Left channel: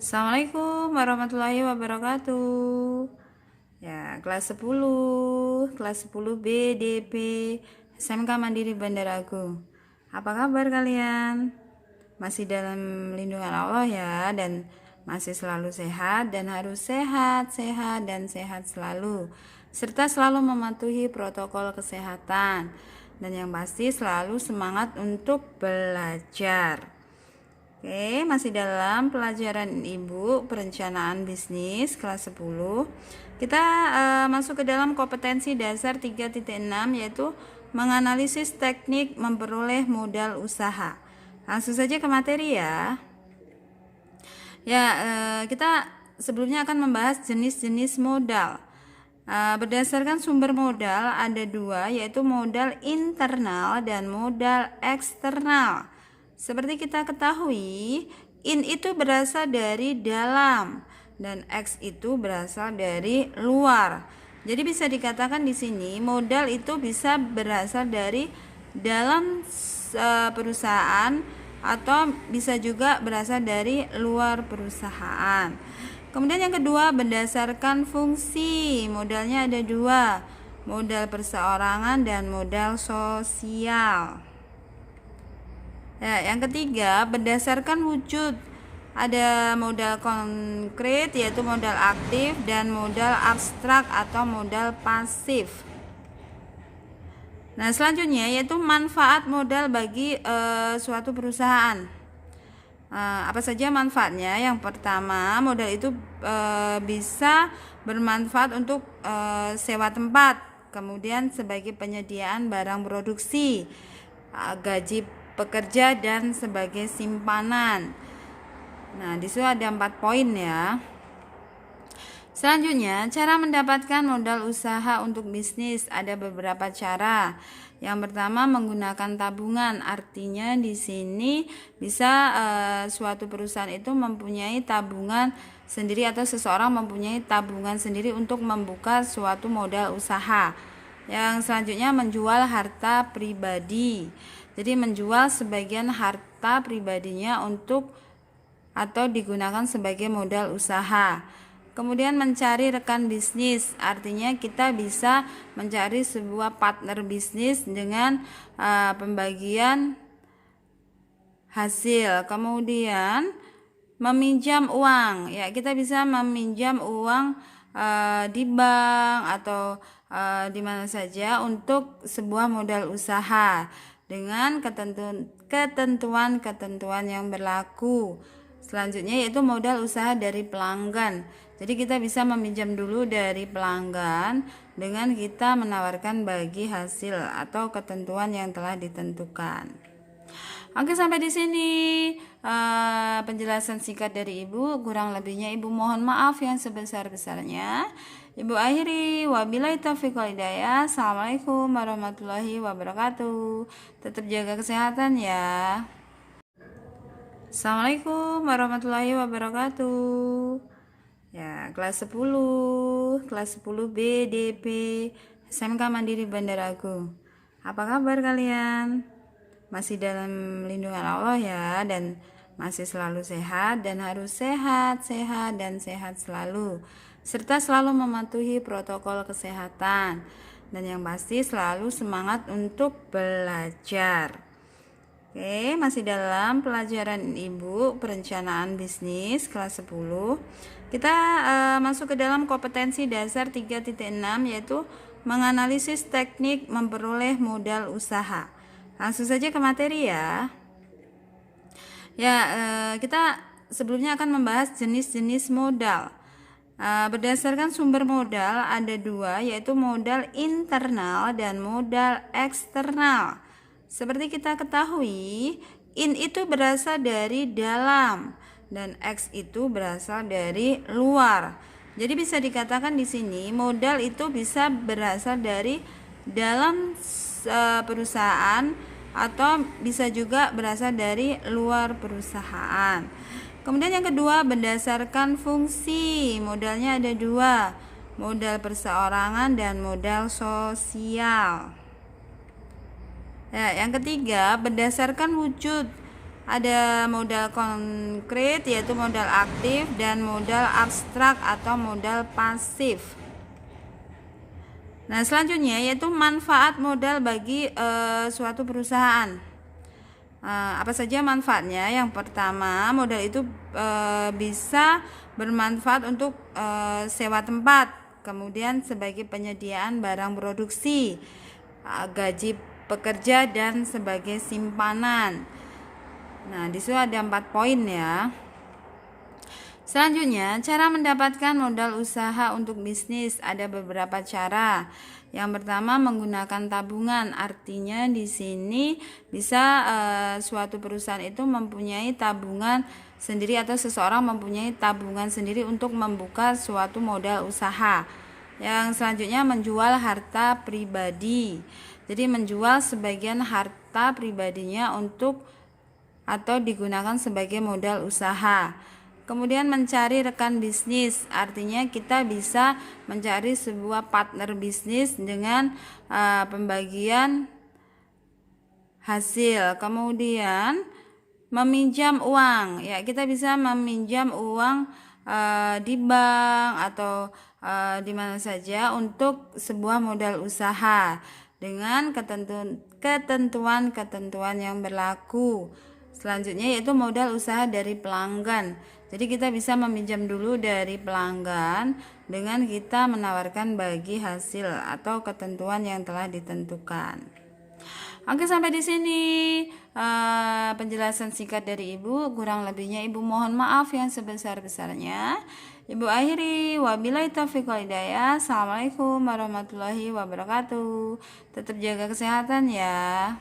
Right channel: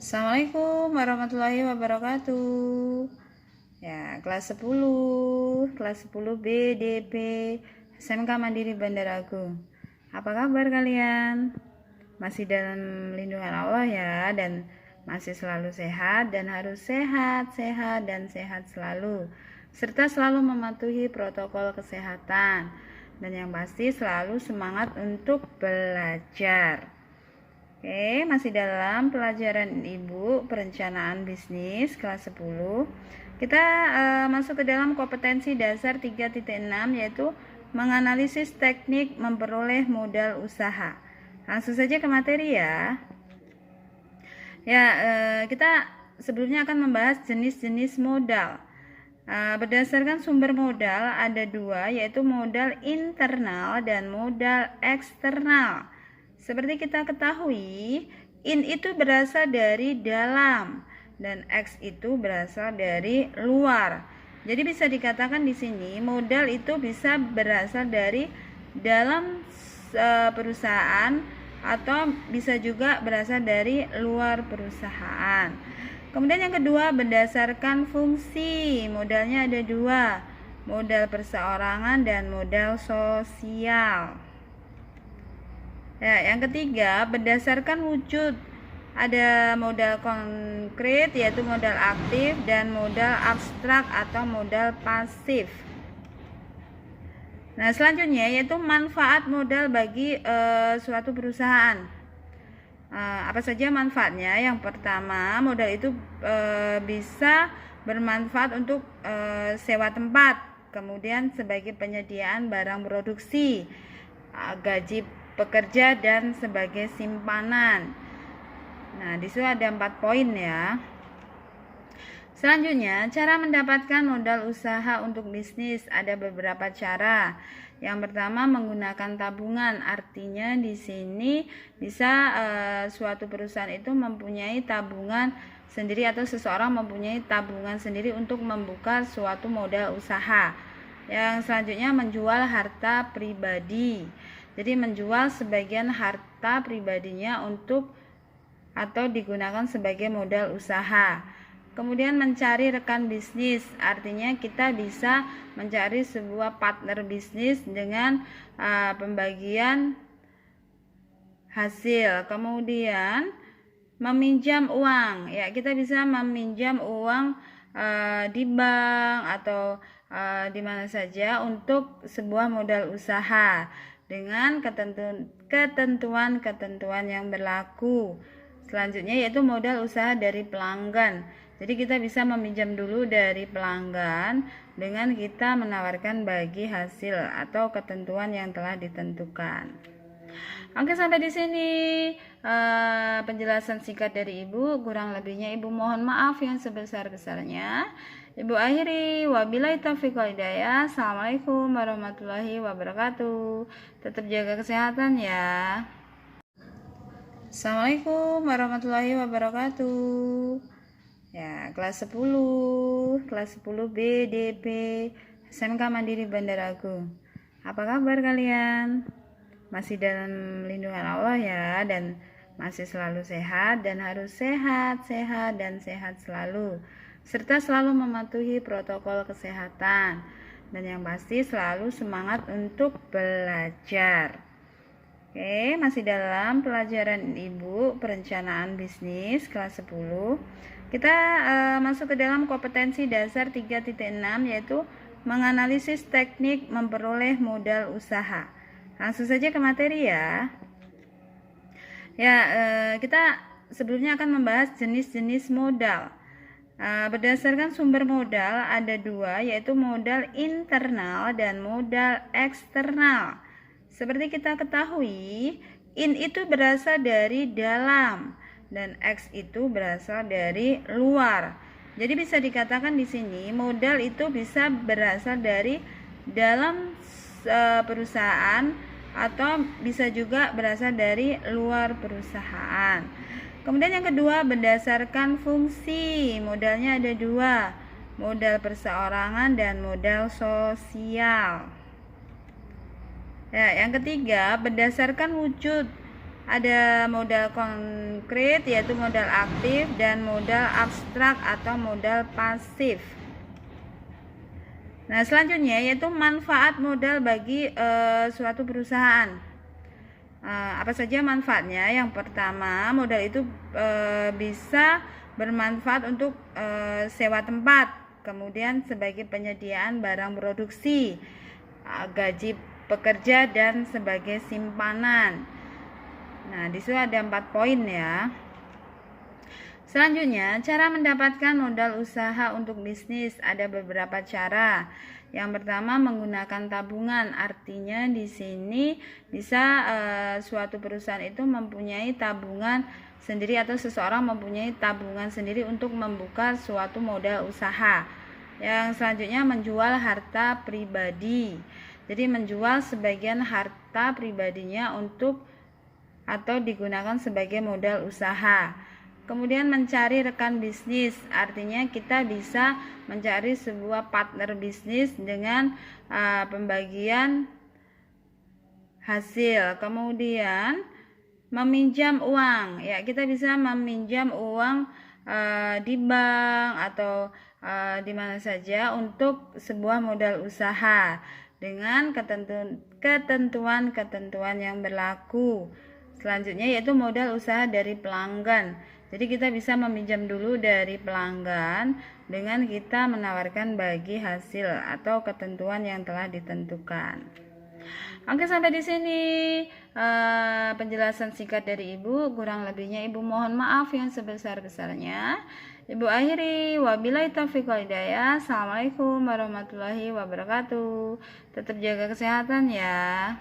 Assalamualaikum warahmatullahi wabarakatuh. Ya, kelas 10 BDP SMK Mandiri Bandar Agung. Apa kabar kalian? Masih dalam lindungan Allah ya, dan masih selalu sehat dan harus sehat dan sehat selalu, serta selalu mematuhi protokol kesehatan, dan yang pasti selalu semangat untuk belajar. Oke, masih dalam pelajaran Ibu perencanaan bisnis kelas 10. Kita masuk ke dalam kompetensi dasar 3.6, yaitu menganalisis teknik memperoleh modal usaha. Langsung saja ke materi ya. Kita sebelumnya akan membahas jenis-jenis modal. Berdasarkan sumber modal ada dua, yaitu modal internal dan modal eksternal. Seperti kita ketahui, in itu berasal dari dalam dan X itu berasal dari luar. Jadi bisa dikatakan di sini modal itu bisa berasal dari dalam perusahaan atau bisa juga berasal dari luar perusahaan. Kemudian yang kedua, berdasarkan fungsi. Modalnya ada dua, modal perseorangan dan modal sosial. Yang ketiga, berdasarkan wujud. Ada modal konkret yaitu modal aktif dan modal abstrak atau modal pasif. Nah, selanjutnya yaitu manfaat modal bagi suatu perusahaan. Apa saja manfaatnya? Yang pertama, modal itu bisa bermanfaat untuk sewa tempat, kemudian sebagai penyediaan barang produksi, gaji pekerja, dan sebagai simpanan. Nah, di situ ada 4 poin ya. Selanjutnya, cara mendapatkan modal usaha untuk bisnis ada beberapa cara. Yang pertama, menggunakan tabungan. Artinya di sini bisa suatu perusahaan itu mempunyai tabungan sendiri atau seseorang mempunyai tabungan sendiri untuk membuka suatu modal usaha. Yang selanjutnya, menjual harta pribadi. Jadi menjual sebagian harta pribadinya untuk atau digunakan sebagai modal usaha. Kemudian mencari rekan bisnis, artinya kita bisa mencari sebuah partner bisnis dengan pembagian hasil. Kemudian meminjam uang, ya kita bisa meminjam uang di bank atau di mana saja untuk sebuah modal usaha dengan ketentuan yang berlaku. Selanjutnya yaitu modal usaha dari pelanggan. Jadi kita bisa meminjam dulu dari pelanggan dengan kita menawarkan bagi hasil atau ketentuan yang telah ditentukan. Oke, sampai di sini penjelasan singkat dari Ibu. Kurang lebihnya Ibu mohon maaf yang sebesar-besarnya. Ibu akhiri, wabillahi taufiq wal hidayah. Assalamualaikum warahmatullahi wabarakatuh. Tetap jaga kesehatan ya. Assalamualaikum warahmatullahi wabarakatuh. Ya, kelas 10 BDP SMK Mandiri Bandar Agung. Apa kabar kalian? Masih dalam lindungan Allah ya, dan masih selalu sehat dan harus sehat dan sehat selalu, serta selalu mematuhi protokol kesehatan, dan yang pasti selalu semangat untuk belajar. Oke, masih dalam pelajaran Ibu perencanaan bisnis kelas 10. Kita masuk ke dalam kompetensi dasar 3.6, yaitu menganalisis teknik memperoleh modal usaha. Langsung saja ke materi ya. Kita sebelumnya akan membahas jenis-jenis modal. Berdasarkan sumber modal ada dua, yaitu modal internal dan modal eksternal. Seperti kita ketahui, in itu berasal dari dalam dan X itu berasal dari luar. Jadi bisa dikatakan di sini modal itu bisa berasal dari dalam perusahaan atau bisa juga berasal dari luar perusahaan. Kemudian yang kedua, berdasarkan fungsi. Modalnya ada dua, modal perseorangan dan modal sosial. Yang ketiga, berdasarkan wujud. ada modal konkret yaitu modal aktif dan modal abstrak atau modal pasif. Nah, selanjutnya yaitu manfaat modal bagi suatu perusahaan. Apa saja manfaatnya? Yang pertama, modal itu bisa bermanfaat untuk sewa tempat, kemudian sebagai penyediaan barang produksi, gaji pekerja, dan sebagai simpanan. Nah, di situ ada 4 poin ya. Selanjutnya, cara mendapatkan modal usaha untuk bisnis ada beberapa cara. Yang pertama, menggunakan tabungan. Artinya di sini bisa suatu perusahaan itu mempunyai tabungan sendiri atau seseorang mempunyai tabungan sendiri untuk membuka suatu modal usaha. Yang selanjutnya, menjual harta pribadi. Jadi menjual sebagian harta pribadinya untuk atau digunakan sebagai modal usaha. Kemudian mencari rekan bisnis, artinya kita bisa mencari sebuah partner bisnis dengan pembagian hasil. Kemudian meminjam uang, ya kita bisa meminjam uang di bank atau di mana saja untuk sebuah modal usaha dengan ketentuan yang berlaku. Selanjutnya yaitu modal usaha dari pelanggan. Jadi kita bisa meminjam dulu dari pelanggan dengan kita menawarkan bagi hasil atau ketentuan yang telah ditentukan. Oke, sampai di sini penjelasan singkat dari Ibu. Kurang lebihnya Ibu mohon maaf yang sebesar-besarnya. Ibu akhiri, wabillahi taufiq wal hidayah. Assalamualaikum warahmatullahi wabarakatuh. Tetap jaga kesehatan ya.